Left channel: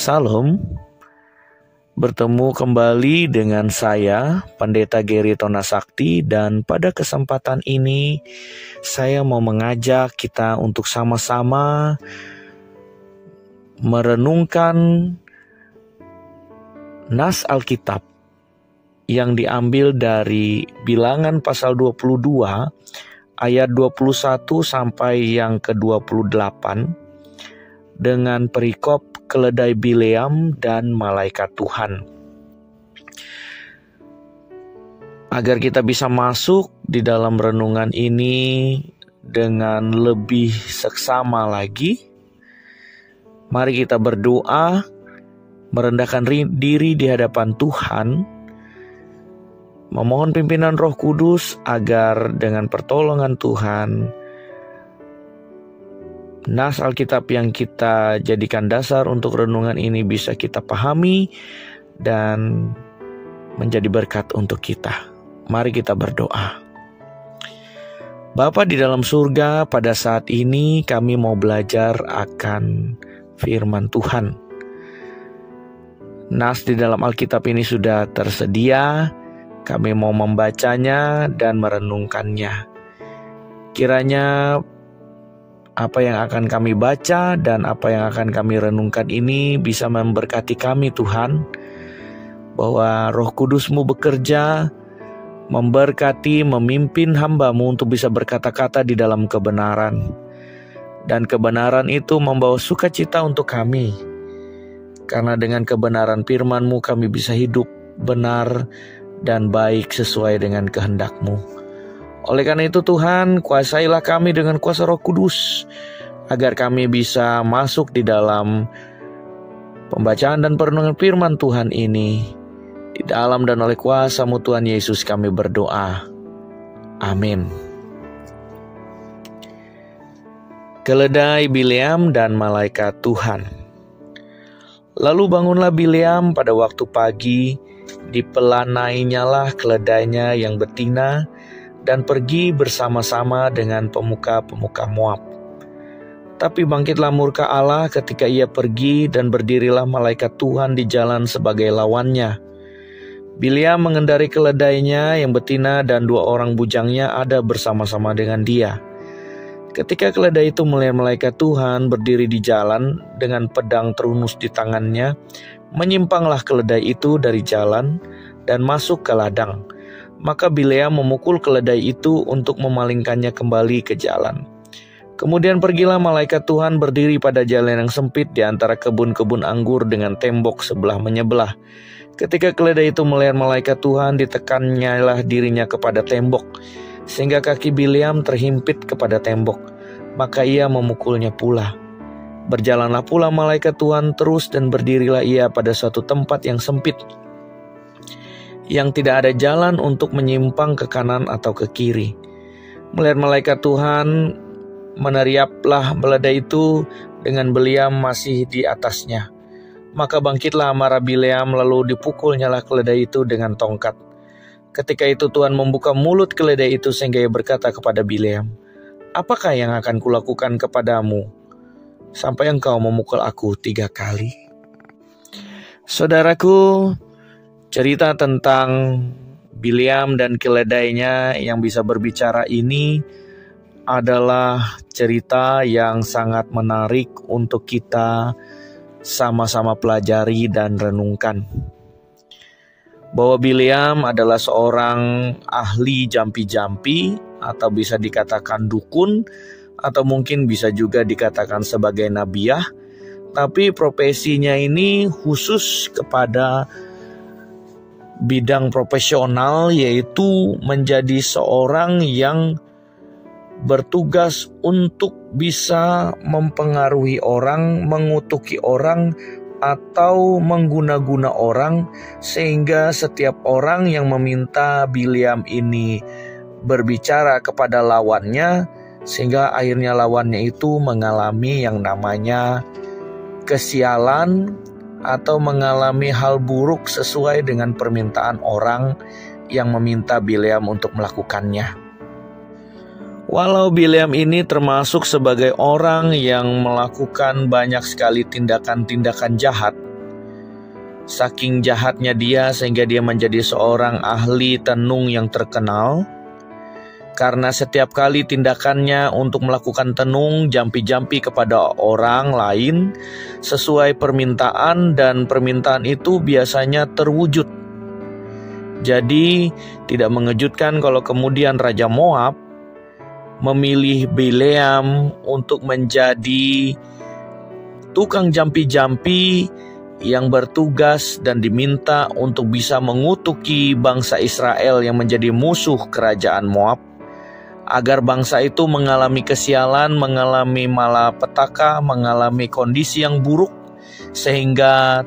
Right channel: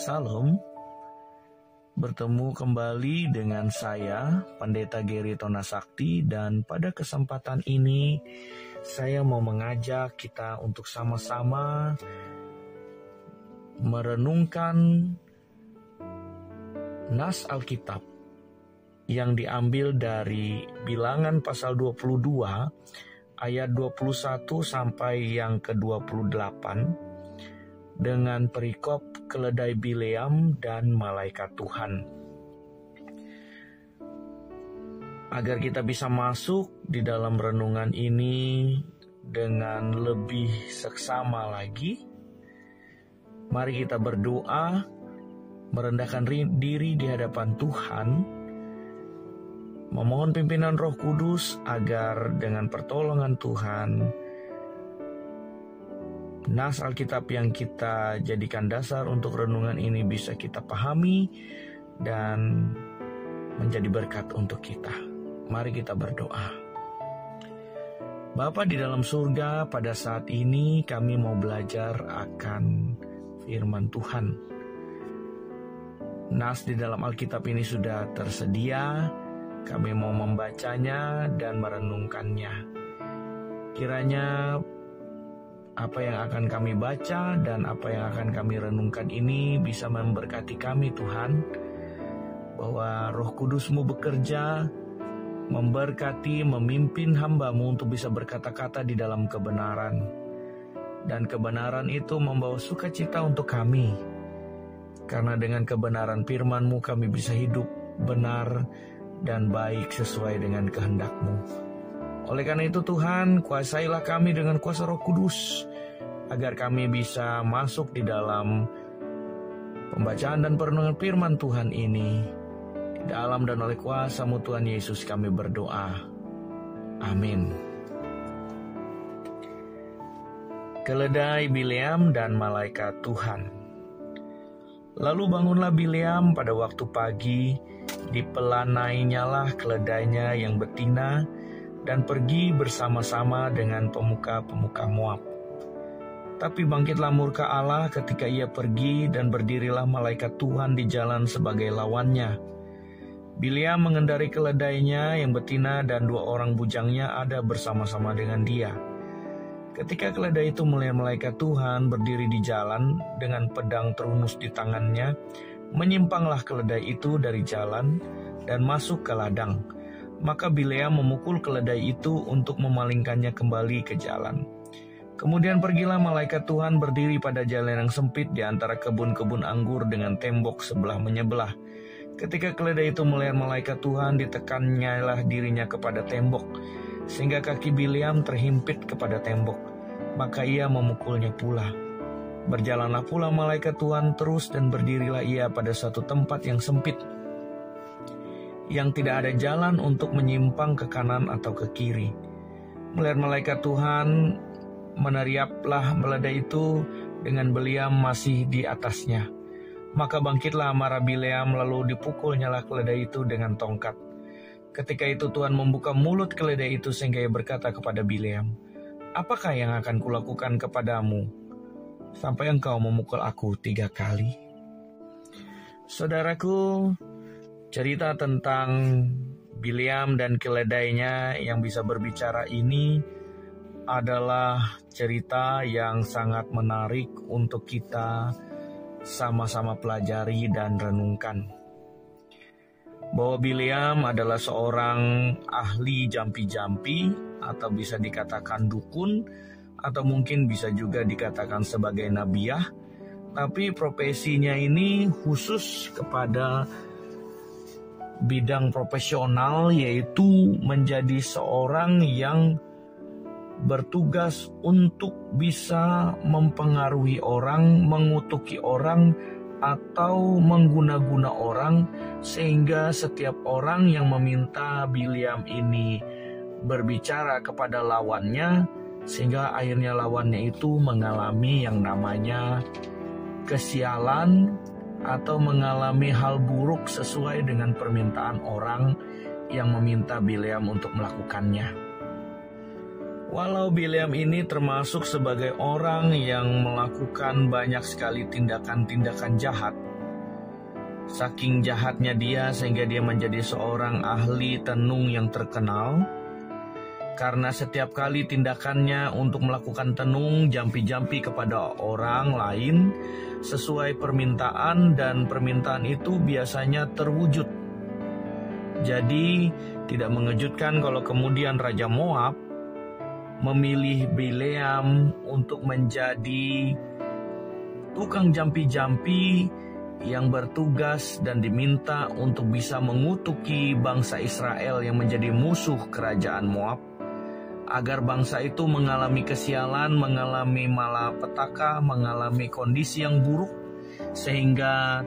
Salam, bertemu kembali dengan saya, Pendeta Gary Tonasakti, dan pada kesempatan ini saya mau mengajak kita untuk sama-sama merenungkan nas Alkitab yang diambil dari Bilangan pasal 22 ayat 21 sampai yang ke-28 dengan perikop keledai Bileam dan malaikat Tuhan. Agar kita bisa masuk di dalam renungan ini dengan lebih seksama lagi, mari kita berdoa, merendahkan diri di hadapan Tuhan, memohon pimpinan Roh Kudus agar dengan pertolongan Tuhan, nas Alkitab yang kita jadikan dasar untuk renungan ini bisa kita pahami dan menjadi berkat untuk kita. Mari kita berdoa. Bapa di dalam surga, pada saat ini kami mau belajar akan firman Tuhan. Nas di dalam Alkitab ini sudah tersedia, kami mau membacanya dan merenungkannya. Kiranya apa yang akan kami baca dan apa yang akan kami renungkan ini bisa memberkati kami Tuhan, bahwa Roh Kudus-Mu bekerja, memberkati, memimpin hamba-Mu untuk bisa berkata-kata di dalam kebenaran. Dan kebenaran itu membawa sukacita untuk kami, karena dengan kebenaran firman-Mu kami bisa hidup benar dan baik sesuai dengan kehendak-Mu. Oleh karena itu Tuhan, kuasailah kami dengan kuasa Roh Kudus, agar kami bisa masuk di dalam pembacaan dan perenungan firman Tuhan ini. Di dalam dan oleh kuasa-Mu Tuhan Yesus kami berdoa. Amin. Keledai Bileam dan malaikat Tuhan. Lalu bangunlah Bileam pada waktu pagi, dipelanainyalah keledainya yang betina, dan pergi bersama-sama dengan pemuka-pemuka Moab. Tapi bangkitlah murka Allah ketika ia pergi, dan berdirilah malaikat Tuhan di jalan sebagai lawannya. Bileam mengendari keledainya yang betina, dan 2 orang bujangnya ada bersama-sama dengan dia. Ketika keledai itu melihat malaikat Tuhan berdiri di jalan dengan pedang terunus di tangannya, menyimpanglah keledai itu dari jalan dan masuk ke ladang. Maka Bileam memukul keledai itu untuk memalingkannya kembali ke jalan. Kemudian pergilah malaikat Tuhan berdiri pada jalan yang sempit di antara kebun-kebun anggur dengan tembok sebelah menyebelah. Ketika keledai itu melihat malaikat Tuhan, ditekannya lah dirinya kepada tembok, sehingga kaki Bileam terhimpit kepada tembok. Maka ia memukulnya pula. Berjalanlah pula malaikat Tuhan terus, dan berdirilah ia pada suatu tempat yang sempit, yang tidak ada jalan untuk menyimpang ke kanan atau ke kiri. Melihat malaikat Tuhan, meneriaplah keledai itu dengan Bileam masih di atasnya. Maka bangkitlah amarah Bileam, lalu dipukulnyalah keledai itu dengan tongkat. Ketika itu Tuhan membuka mulut keledai itu sehingga ia berkata kepada Bileam, "Apakah yang akan kulakukan kepadamu sampai engkau memukul aku 3 kali?" Saudaraku, cerita tentang Bileam dan keledainya yang bisa berbicara ini adalah cerita yang sangat menarik untuk kita sama-sama pelajari dan renungkan. Bahwa Bileam adalah seorang ahli jampi-jampi, atau bisa dikatakan dukun, atau mungkin bisa juga dikatakan sebagai nabiah. Tapi profesinya ini khusus kepada bidang profesional, yaitu menjadi seorang yang bertugas untuk bisa mempengaruhi orang, mengutuki orang, atau mengguna-guna orang, sehingga setiap orang yang meminta Bileam ini berbicara kepada lawannya, sehingga akhirnya lawannya itu mengalami yang namanya kesialan atau mengalami hal buruk sesuai dengan permintaan orang yang meminta Bileam untuk melakukannya. Walau Bileam ini termasuk sebagai orang yang melakukan banyak sekali tindakan-tindakan jahat, saking jahatnya dia sehingga dia menjadi seorang ahli tenung yang terkenal. Karena setiap kali tindakannya untuk melakukan tenung jampi-jampi kepada orang lain sesuai permintaan, dan permintaan itu biasanya terwujud. Jadi tidak mengejutkan kalau kemudian Raja Moab memilih Bileam untuk menjadi tukang jampi-jampi yang bertugas dan diminta untuk bisa mengutuki bangsa Israel yang menjadi musuh kerajaan Moab, agar bangsa itu mengalami kesialan, mengalami malapetaka, mengalami kondisi yang buruk, sehingga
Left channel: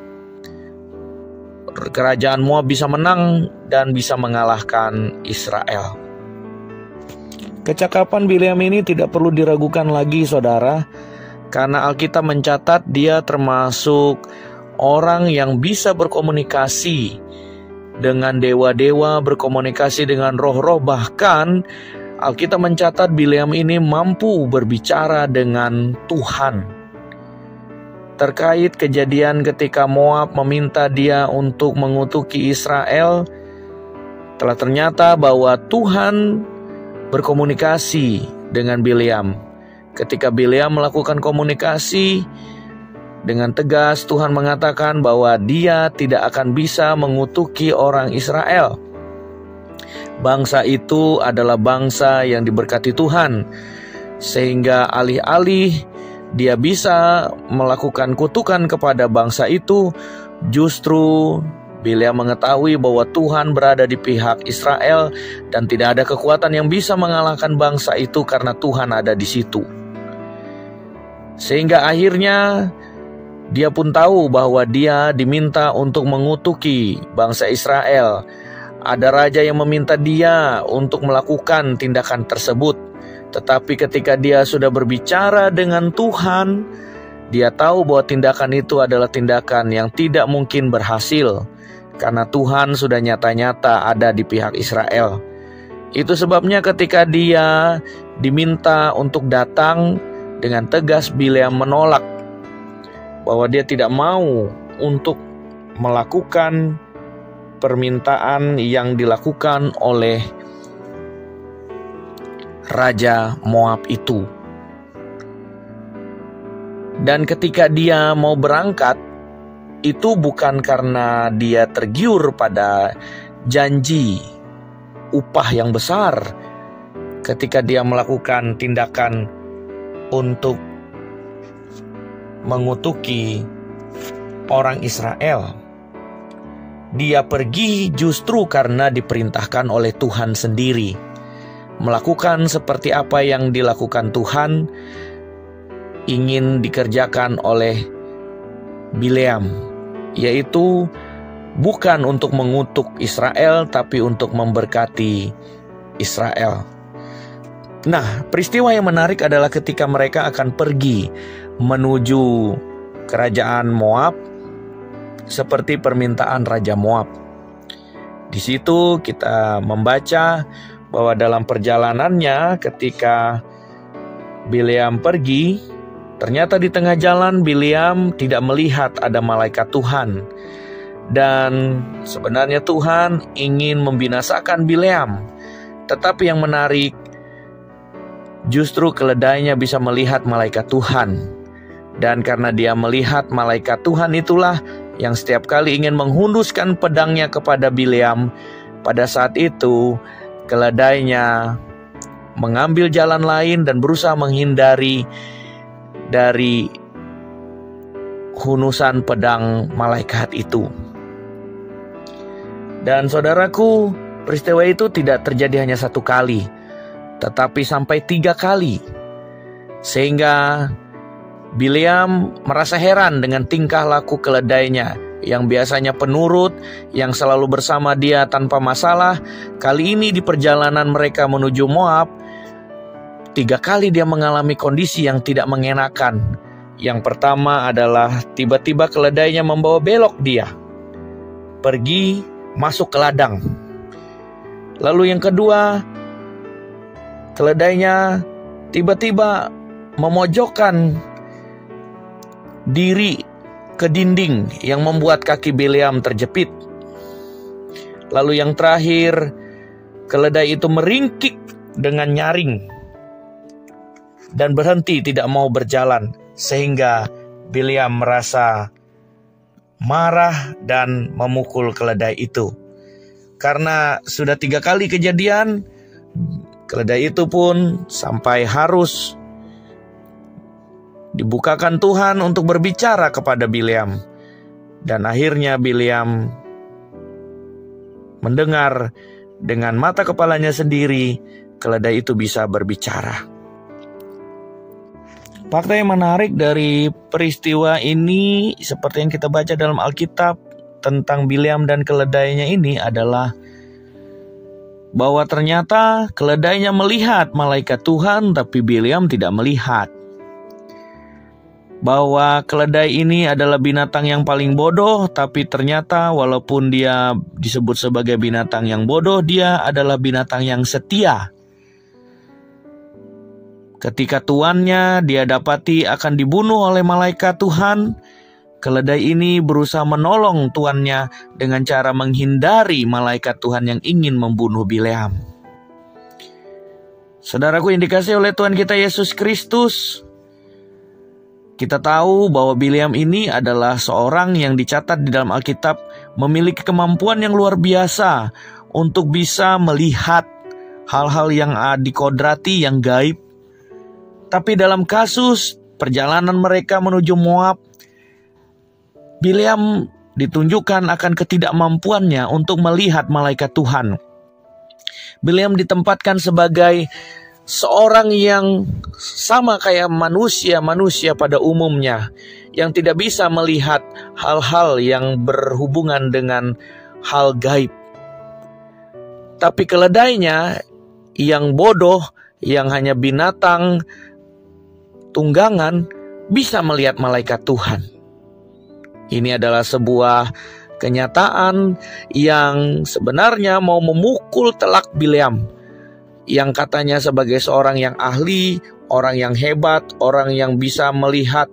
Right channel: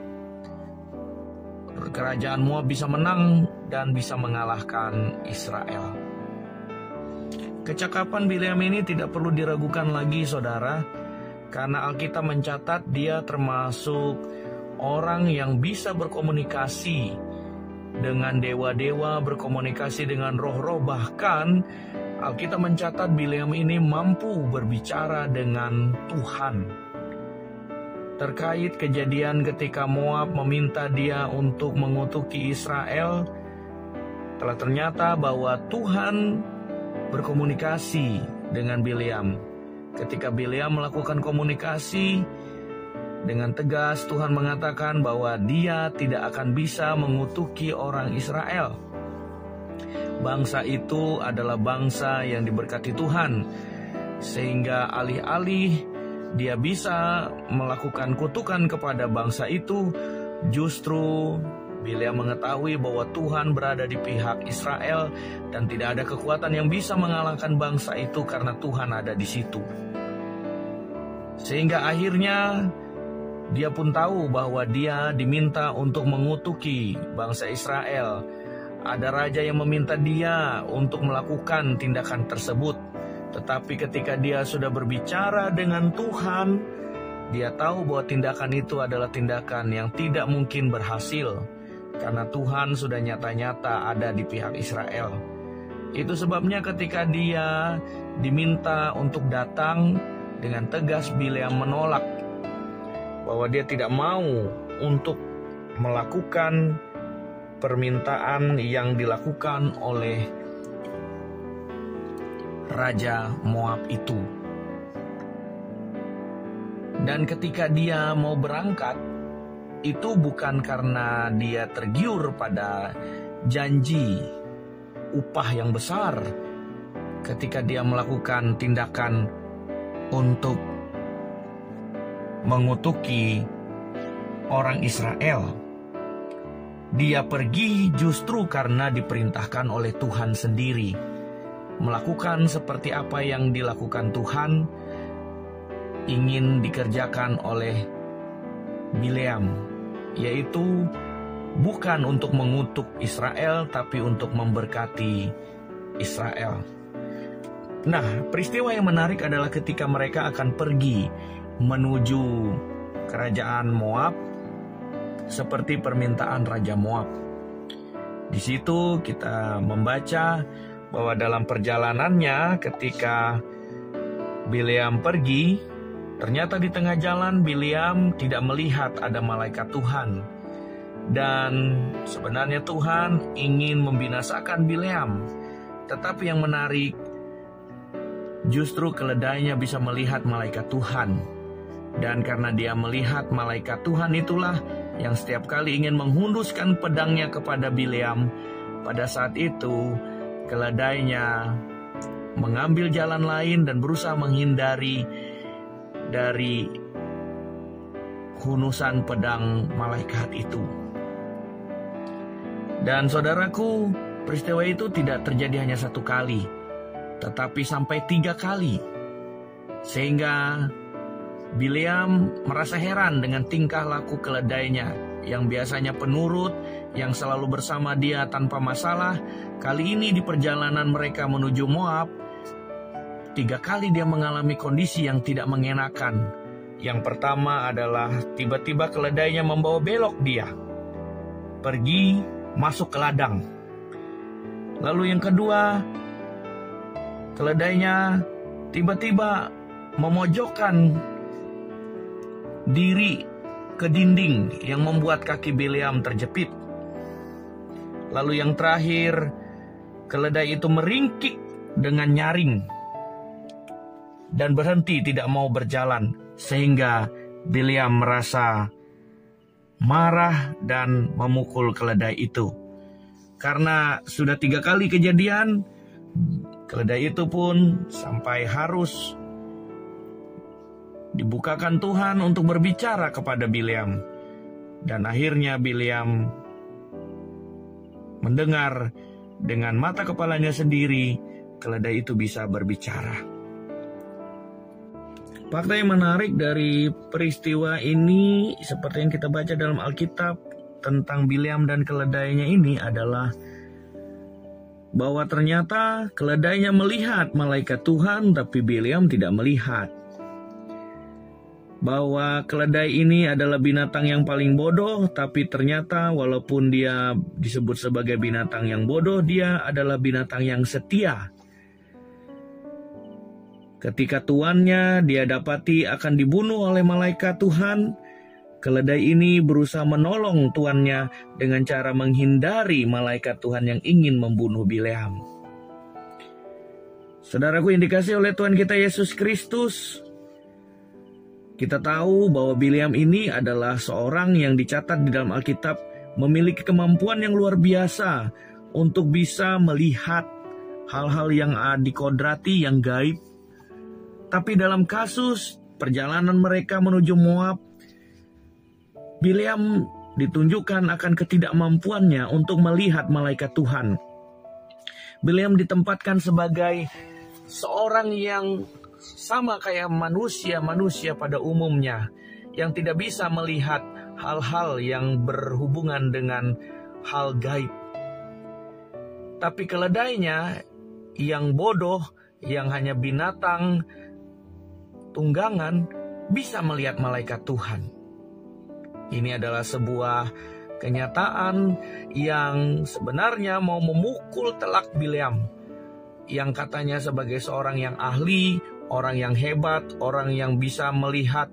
kerajaan Moab bisa menang dan bisa mengalahkan Israel. Kecakapan Bileam ini tidak perlu diragukan lagi, saudara, karena Alkitab mencatat dia termasuk orang yang bisa berkomunikasi dengan dewa-dewa, berkomunikasi dengan roh-roh, bahkan Alkitab mencatat Bileam ini mampu berbicara dengan Tuhan. Terkait kejadian ketika Moab meminta dia untuk mengutuki Israel, telah ternyata bahwa Tuhan berkomunikasi dengan Bileam. Ketika Bileam melakukan komunikasi dengan tegas, Tuhan mengatakan bahwa dia tidak akan bisa mengutuki orang Israel. Bangsa itu adalah bangsa yang diberkati Tuhan, sehingga alih-alih dia bisa melakukan kutukan kepada bangsa itu, justru Bileam mengetahui bahwa Tuhan berada di pihak Israel dan tidak ada kekuatan yang bisa mengalahkan bangsa itu karena Tuhan ada di situ. Sehingga akhirnya dia pun tahu bahwa dia diminta untuk mengutuki bangsa Israel. Ada raja yang meminta dia untuk melakukan tindakan tersebut. Tetapi ketika dia sudah berbicara dengan Tuhan, dia tahu bahwa tindakan itu adalah tindakan yang tidak mungkin berhasil, karena Tuhan sudah nyata-nyata ada di pihak Israel. Itu sebabnya ketika dia diminta untuk datang, dengan tegas Bileam menolak, bahwa dia tidak mau untuk melakukan permintaan yang dilakukan oleh Raja Moab itu. Dan ketika dia mau berangkat, itu bukan karena dia tergiur pada janji upah yang besar ketika dia melakukan tindakan untuk mengutuki orang Israel. Dia pergi justru karena diperintahkan oleh Tuhan sendiri, melakukan seperti apa yang dilakukan Tuhan ingin dikerjakan oleh Bileam, yaitu bukan untuk mengutuk Israel, tapi untuk memberkati Israel. Nah, peristiwa yang menarik adalah ketika mereka akan pergi menuju kerajaan Moab, seperti permintaan Raja Moab. Di situ kita membaca bahwa dalam perjalanannya ketika Bileam pergi, ternyata di tengah jalan Bileam tidak melihat ada malaikat Tuhan. Dan sebenarnya Tuhan ingin membinasakan Bileam. Tetapi yang menarik, justru keledainya bisa melihat malaikat Tuhan. Dan karena dia melihat malaikat Tuhan itulah yang setiap kali ingin menghunduskan pedangnya kepada Bileam. Pada saat itu keledainya mengambil jalan lain dan berusaha menghindari dari hundusan pedang malaikat itu. Dan saudaraku, peristiwa itu tidak terjadi hanya satu kali, tetapi sampai 3 kali. Sehingga Bileam merasa heran dengan tingkah laku keledainya yang biasanya penurut, yang selalu bersama dia tanpa masalah. Kali ini di perjalanan mereka menuju Moab, 3 kali dia mengalami kondisi yang tidak mengenakan. Yang pertama adalah tiba-tiba keledainya membawa belok dia, pergi masuk ke ladang. Lalu yang kedua, keledainya tiba-tiba memojokkan diri ke dinding yang membuat kaki Bileam terjepit. Lalu yang terakhir, keledai itu meringkik dengan nyaring dan berhenti tidak mau berjalan, sehingga Bileam merasa marah dan memukul keledai itu. Karena sudah 3 kali kejadian, keledai itu pun sampai harus dibukakan Tuhan untuk berbicara kepada Bileam. Dan akhirnya Bileam mendengar dengan mata kepalanya sendiri, keledai itu bisa berbicara. Fakta yang menarik dari peristiwa ini, seperti yang kita baca dalam Alkitab tentang Bileam dan keledainya ini, adalah bahwa ternyata keledainya melihat malaikat Tuhan, tapi Bileam tidak melihat. Bahwa keledai ini adalah binatang yang paling bodoh, tapi ternyata walaupun dia disebut sebagai binatang yang bodoh, dia adalah binatang yang setia. Ketika tuannya dia dapati akan dibunuh oleh malaikat Tuhan, keledai ini berusaha menolong tuannya dengan cara menghindari malaikat Tuhan yang ingin membunuh Bileam. Saudaraku yang dikasihi oleh Tuhan kita Yesus Kristus, kita tahu bahwa Bileam ini adalah seorang yang dicatat di dalam Alkitab memiliki kemampuan yang luar biasa untuk bisa melihat hal-hal yang dikodrati, yang gaib. Tapi dalam kasus perjalanan mereka menuju Moab, Bileam ditunjukkan akan ketidakmampuannya untuk melihat malaikat Tuhan. Bileam ditempatkan sebagai seorang yang sama kayak manusia pada umumnya, yang tidak bisa melihat hal-hal yang berhubungan dengan hal gaib. Tapi keledainya yang bodoh, yang hanya binatang tunggangan, bisa melihat malaikat Tuhan. Ini adalah sebuah kenyataan yang sebenarnya mau memukul telak Bileam, yang katanya sebagai seorang yang ahli, orang yang hebat, orang yang bisa melihat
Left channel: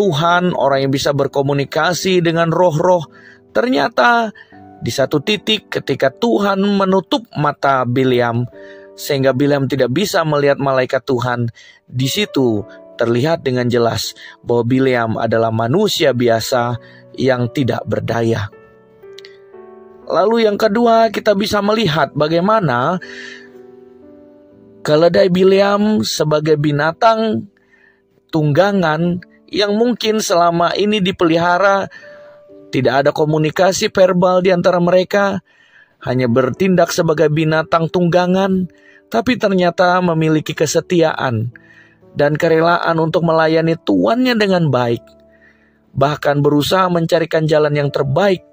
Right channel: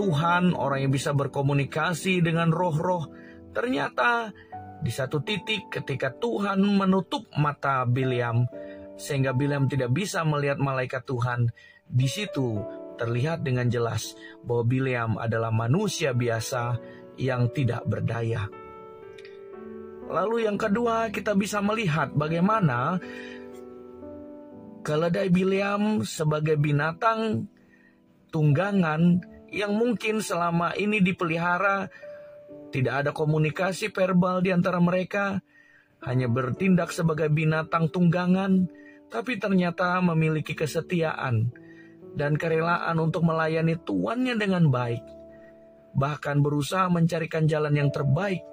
Tuhan, orang yang bisa berkomunikasi dengan roh-roh. Ternyata di satu titik ketika Tuhan menutup mata Bileam, sehingga Bileam tidak bisa melihat malaikat Tuhan, di situ terlihat dengan jelas bahwa Bileam adalah manusia biasa yang tidak berdaya. Lalu yang kedua, kita bisa melihat bagaimana keledai Bileam sebagai binatang tunggangan yang mungkin selama ini dipelihara, tidak ada komunikasi verbal di antara mereka, hanya bertindak sebagai binatang tunggangan, tapi ternyata memiliki kesetiaan dan kerelaan untuk melayani tuannya dengan baik, bahkan berusaha mencarikan jalan yang terbaik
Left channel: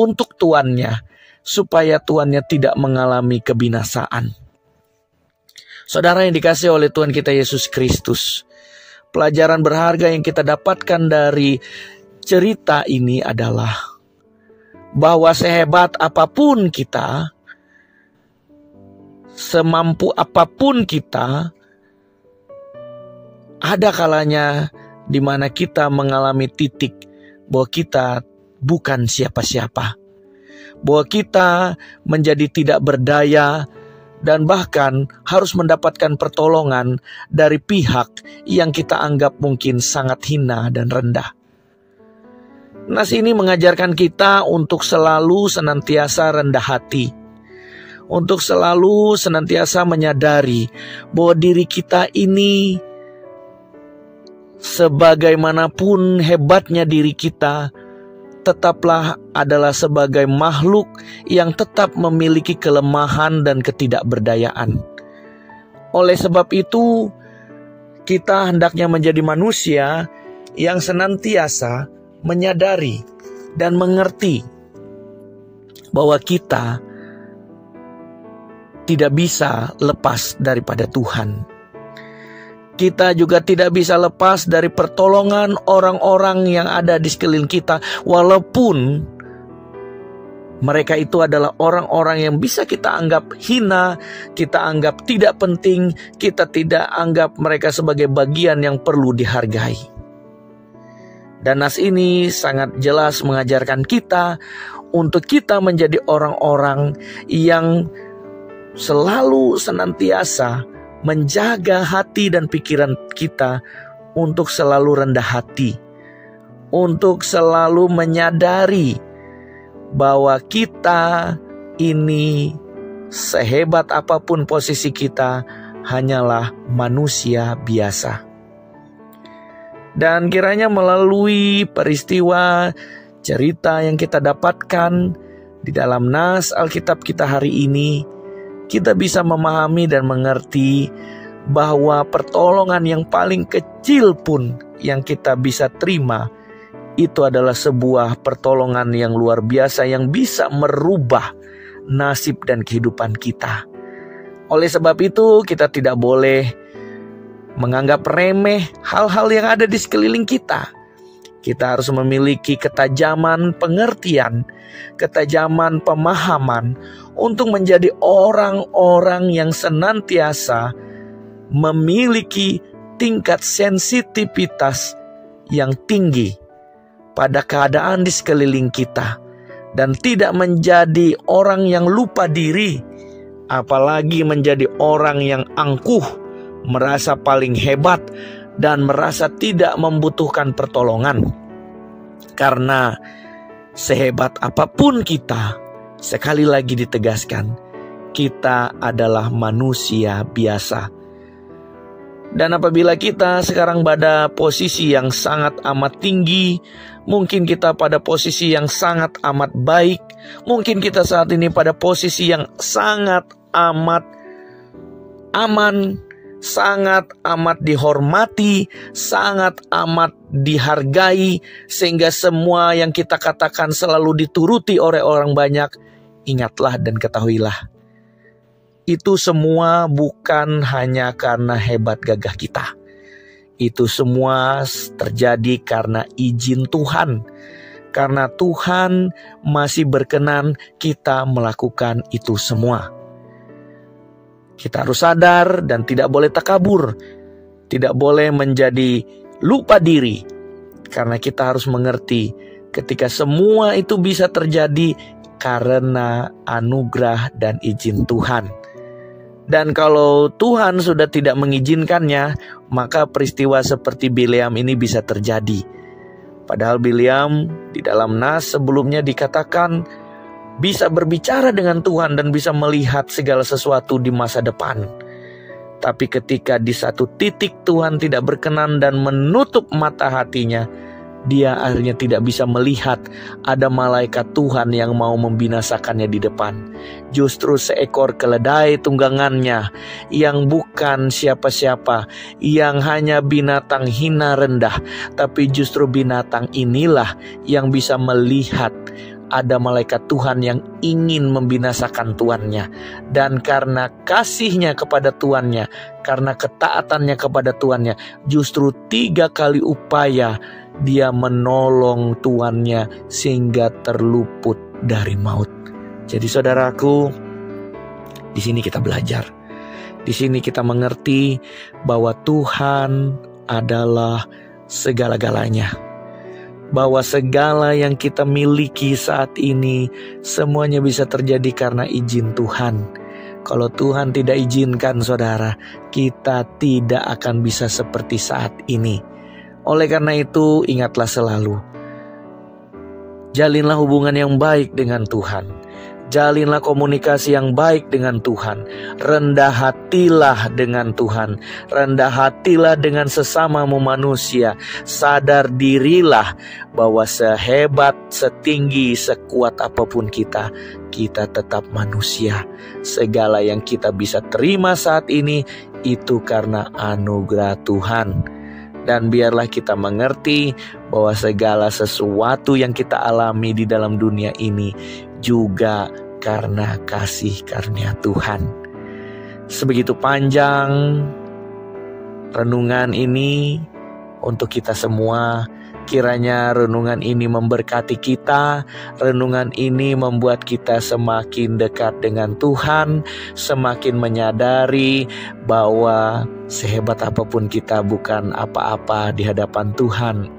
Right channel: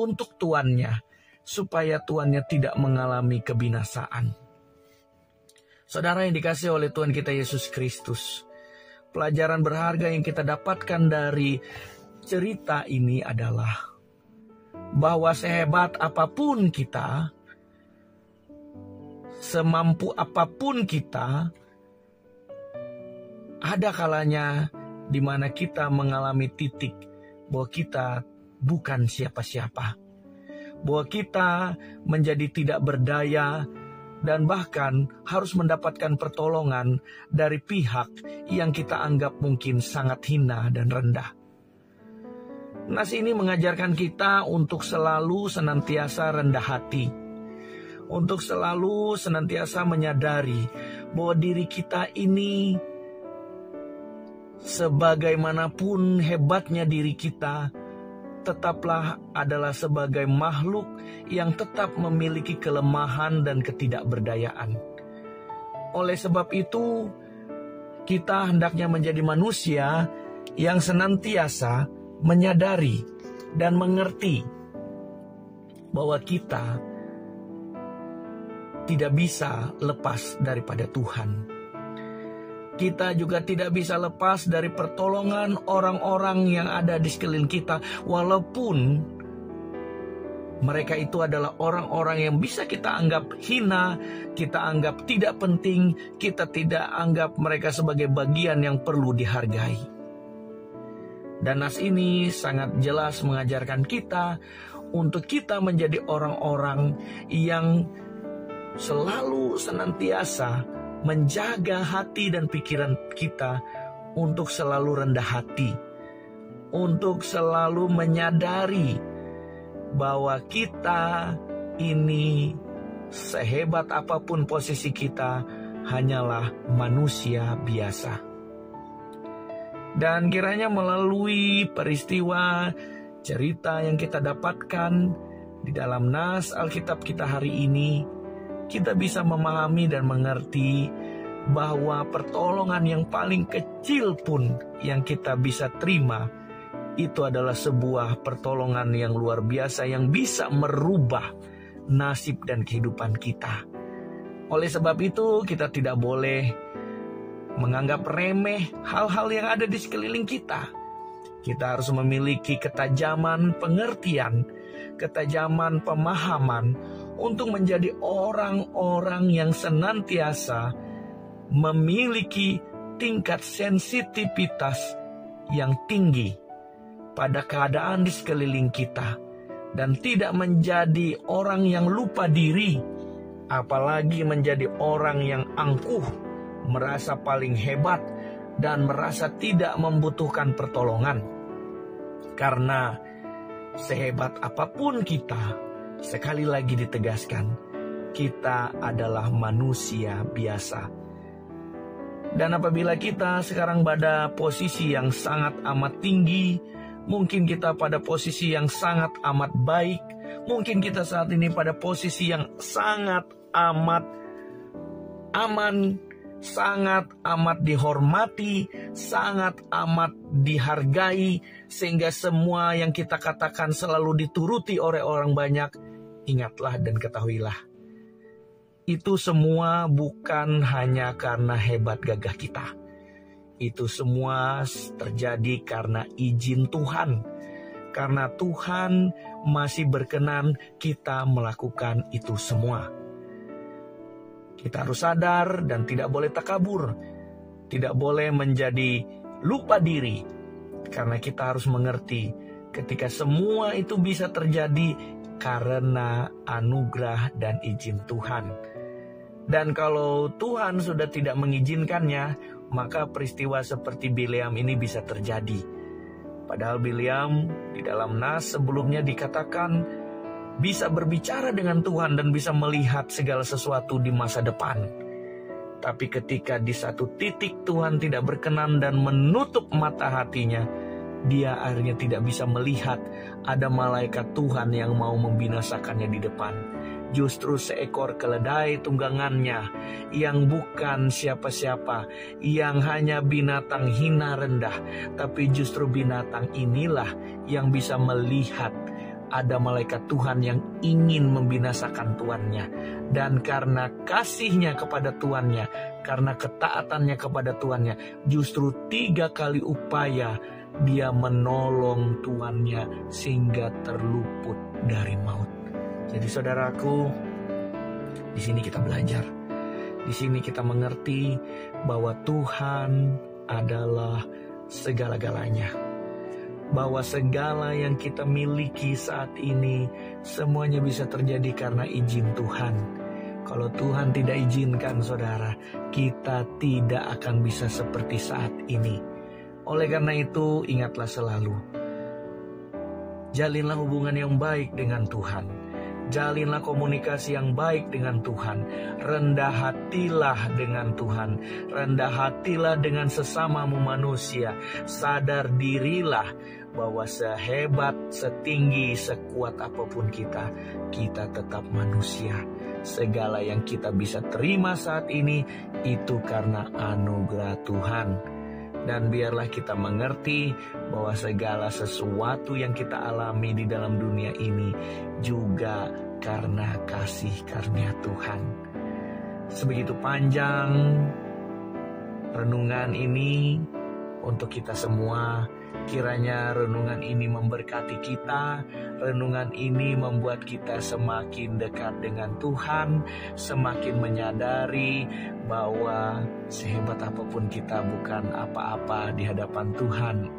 untuk tuannya, supaya tuannya tidak mengalami kebinasaan. Saudara yang dikasihi oleh Tuhan kita Yesus Kristus, pelajaran berharga yang kita dapatkan dari cerita ini adalah bahwa sehebat apapun kita, semampu apapun kita, ada kalanya di mana kita mengalami titik bahwa kita bukan siapa-siapa, bahwa kita menjadi tidak berdaya, dan bahkan harus mendapatkan pertolongan dari pihak yang kita anggap mungkin sangat hina dan rendah. Nas ini mengajarkan kita untuk selalu senantiasa rendah hati, untuk selalu senantiasa menyadari bahwa diri kita ini, sebagaimanapun hebatnya diri kita, tetaplah adalah sebagai makhluk yang tetap memiliki kelemahan dan ketidakberdayaan. Oleh sebab itu, kita hendaknya menjadi manusia yang senantiasa menyadari dan mengerti bahwa kita tidak bisa lepas daripada Tuhan. Kita juga tidak bisa lepas dari pertolongan orang-orang yang ada di sekeliling kita, walaupun mereka itu adalah orang-orang yang bisa kita anggap hina, kita anggap tidak penting, kita tidak anggap mereka sebagai bagian yang perlu dihargai. Dan nas ini sangat jelas mengajarkan kita untuk kita menjadi orang-orang yang selalu senantiasa menjaga hati dan pikiran kita untuk selalu rendah hati, untuk selalu menyadari bahwa kita ini sehebat apapun posisi kita hanyalah manusia biasa. Dan kiranya melalui peristiwa cerita yang kita dapatkan di dalam nas Alkitab kita hari ini, kita bisa memahami dan mengerti bahwa pertolongan yang paling kecil pun yang kita bisa terima itu adalah sebuah pertolongan yang luar biasa yang bisa merubah nasib dan kehidupan kita. Oleh sebab itu kita tidak boleh menganggap remeh hal-hal yang ada di sekeliling kita. Kita harus memiliki ketajaman pengertian, ketajaman pemahaman untuk menjadi orang-orang yang senantiasa memiliki tingkat sensitivitas yang tinggi pada keadaan di sekeliling kita, dan tidak menjadi orang yang lupa diri, apalagi menjadi orang yang angkuh, merasa paling hebat dan merasa tidak membutuhkan pertolongan. Karena sehebat apapun kita, sekali lagi ditegaskan, kita adalah manusia biasa. Dan apabila kita sekarang pada posisi yang sangat amat tinggi, mungkin kita pada posisi yang sangat amat baik, mungkin kita saat ini pada posisi yang sangat amat aman, sangat amat dihormati, sangat amat dihargai, sehingga semua yang kita katakan selalu dituruti oleh orang banyak. Ingatlah dan ketahuilah, itu semua bukan hanya karena hebat gagah kita. Itu semua terjadi karena izin Tuhan. Karena Tuhan masih berkenan kita melakukan itu semua. Kita harus sadar dan tidak boleh takabur. Tidak boleh menjadi lupa diri. Karena kita harus mengerti ketika semua itu bisa terjadi karena anugerah dan izin Tuhan. Dan kalau Tuhan sudah tidak mengizinkannya, maka peristiwa seperti Bileam ini bisa terjadi. Padahal Bileam di dalam nas sebelumnya dikatakan bisa berbicara dengan Tuhan dan bisa melihat segala sesuatu di masa depan. Tapi ketika di satu titik Tuhan tidak berkenan dan menutup mata hatinya, dia akhirnya tidak bisa melihat ada malaikat Tuhan yang mau membinasakannya di depan. Justru seekor keledai tunggangannya yang bukan siapa-siapa, yang hanya binatang hina rendah, tapi justru binatang inilah yang bisa melihat ada malaikat Tuhan yang ingin membinasakan tuannya. Dan karena kasihnya kepada tuannya, karena ketaatannya kepada tuannya, justru 3 kali upaya dia menolong tuannya sehingga terluput dari maut. Jadi saudaraku, di sini kita belajar. Di sini kita mengerti bahwa Tuhan adalah segala-galanya. Bahwa segala yang kita miliki saat ini semuanya bisa terjadi karena izin Tuhan. Kalau Tuhan tidak izinkan saudara, kita tidak akan bisa seperti saat ini. Oleh karena itu ingatlah selalu, jalinlah hubungan yang baik dengan Tuhan. Jalinlah komunikasi yang baik dengan Tuhan. Rendah hatilah dengan Tuhan. Rendah hatilah dengan sesamamu manusia. Sadar dirilah bahwa sehebat, setinggi, sekuat apapun kita tetap manusia. Segala yang kita bisa terima saat ini itu karena anugerah Tuhan. Dan biarlah kita mengerti bahwa segala sesuatu yang kita alami di dalam dunia ini juga karena kasih karunia Tuhan. Sebegitu panjang renungan ini untuk kita semua. Kiranya renungan ini memberkati kita, renungan ini membuat kita semakin dekat dengan Tuhan, semakin menyadari bahwa sehebat apapun kita bukan apa-apa di hadapan Tuhan.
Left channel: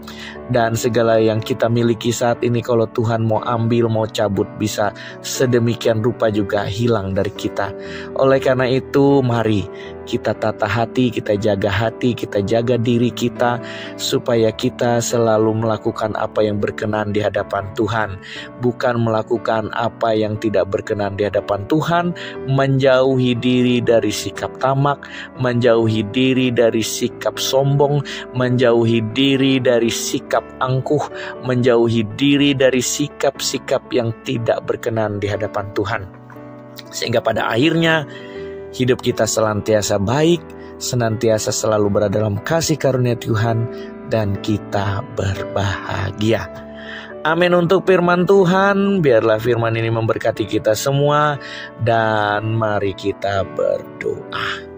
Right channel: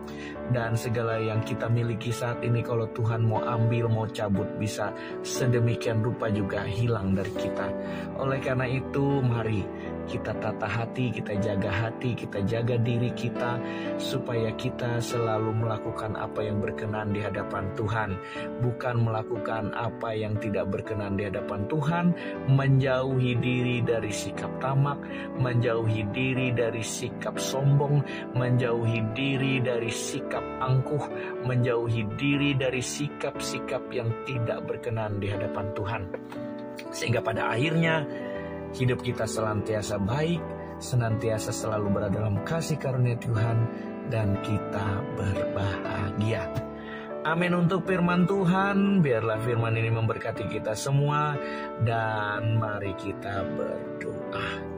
Dan segala yang kita miliki saat ini kalau Tuhan mau ambil, mau cabut, bisa sedemikian rupa juga hilang dari kita. Oleh karena itu, mari kita tata hati, kita jaga diri kita, supaya kita selalu melakukan apa yang berkenan di hadapan Tuhan, bukan melakukan apa yang tidak berkenan di hadapan Tuhan, menjauhi diri dari sikap tamak, menjauhi diri dari sikap sombong, menjauhi diri dari sikap angkuh, menjauhi diri dari sikap-sikap yang tidak berkenan di hadapan Tuhan. Sehingga pada akhirnya hidup kita senantiasa baik, senantiasa selalu berada dalam kasih karunia Tuhan, dan kita berbahagia. Amin untuk firman Tuhan. Biarlah firman ini memberkati kita semua, dan mari kita berdoa.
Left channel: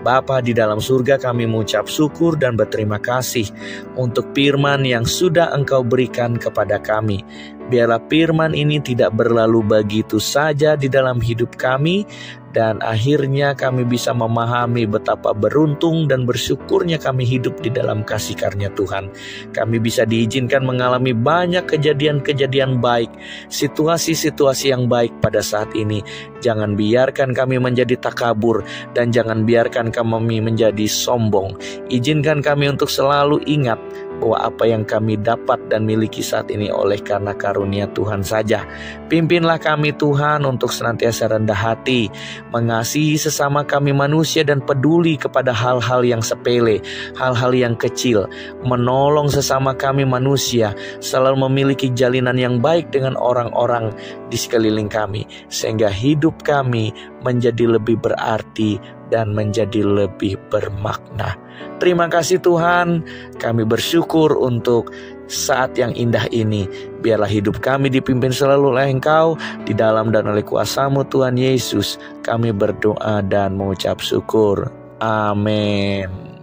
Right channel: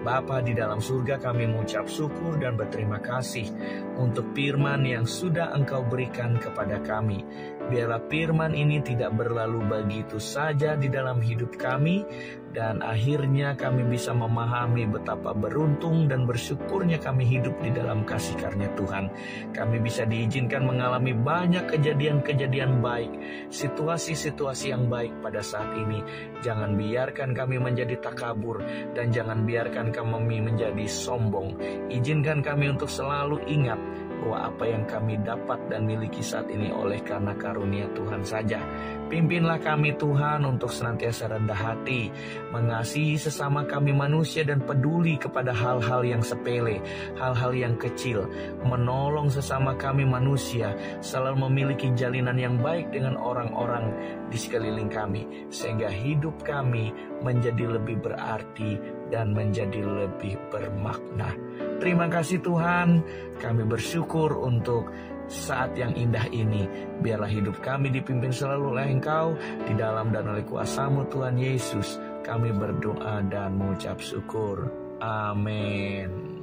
Bapa di dalam surga, kami mengucap syukur dan berterima kasih untuk firman yang sudah Engkau berikan kepada kami. Biarlah firman ini tidak berlalu begitu saja di dalam hidup kami, dan akhirnya kami bisa memahami betapa beruntung dan bersyukurnya kami hidup di dalam kasih karunia Tuhan. Kami bisa diizinkan mengalami banyak kejadian-kejadian baik, situasi-situasi yang baik pada saat ini. Jangan biarkan kami menjadi takabur, dan jangan biarkan kami menjadi sombong. Izinkan kami untuk selalu ingat bahwa apa yang kami dapat dan miliki saat ini oleh karena karunia Tuhan saja. Pimpinlah kami Tuhan untuk senantiasa rendah hati, mengasihi sesama kami manusia, dan peduli kepada hal-hal yang sepele, hal-hal yang kecil, menolong sesama kami manusia, selalu memiliki jalinan yang baik dengan orang-orang di sekeliling kami, sehingga hidup kami menjadi lebih berarti dan menjadi lebih bermakna. Terima kasih Tuhan, kami bersyukur untuk saat yang indah ini. Biarlah hidup kami dipimpin selalu oleh Engkau, di dalam dan oleh kuasa-Mu Tuhan Yesus. Kami berdoa dan mengucap syukur. Amin.